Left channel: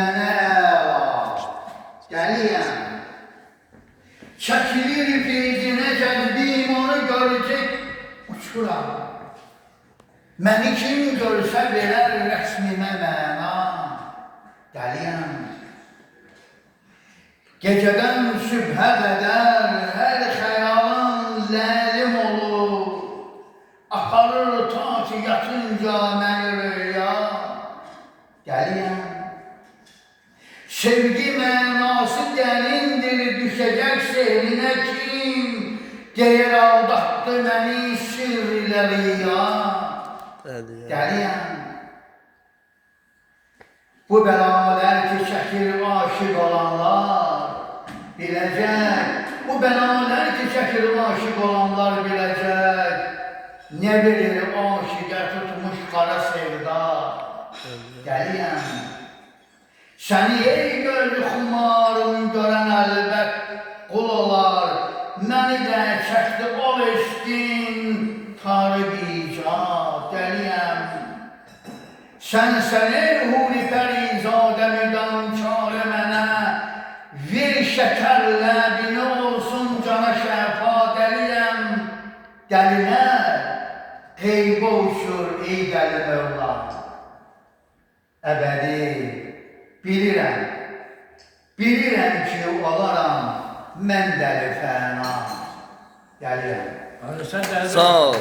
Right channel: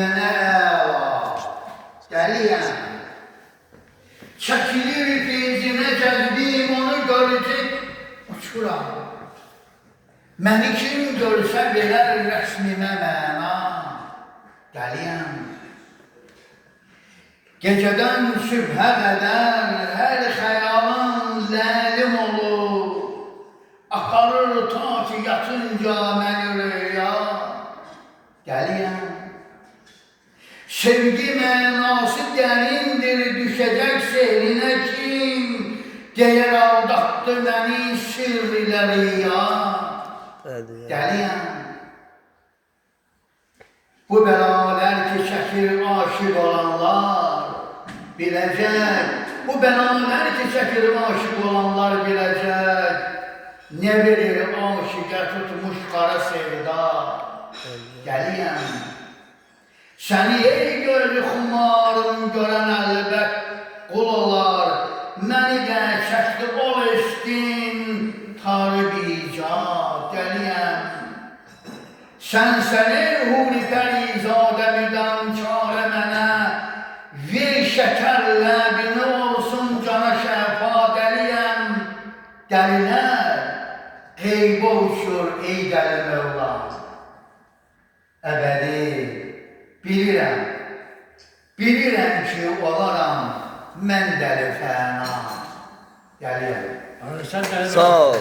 dilənə əla. Gəliyəm. Çəkilir feyzinə gəzdim, onu görecek uçuram. Məni kim görsə verər rəsmimə məna. Gəliyəm. Gecədən sübhə qədər hər xəyalın ləlim olur. Aparır ta ki yatınca məni rüya. Gəliyəm. Sevgi mənası dərindir, düşəcək sehrinə kim deyir aldattı məni sirrlə riya. Gəliyəm. Bu bəlalər ki çəkir aşıq olanlar biləcək. Bu bəlalər ki çəkir aşıq olanlar biləcək. Ne bilir aşıqa tutmuş qara sevda. Gəliyəm. Səni ey gözlü xumarın görən əlbət qul olar. Məni də çəkdi ol eşkin tarib icad. Gəliyəm. Sən ey huri pərizadə müdan çare mənə. Ver şəkər ləbini olsun cana şəfa. Gəliyəm. Dəlilər qeybə uçur ey dəli Mövla. Əbədi bilirəm ki olaram mən dəli fəna. Gəliyəm. Sağ ol.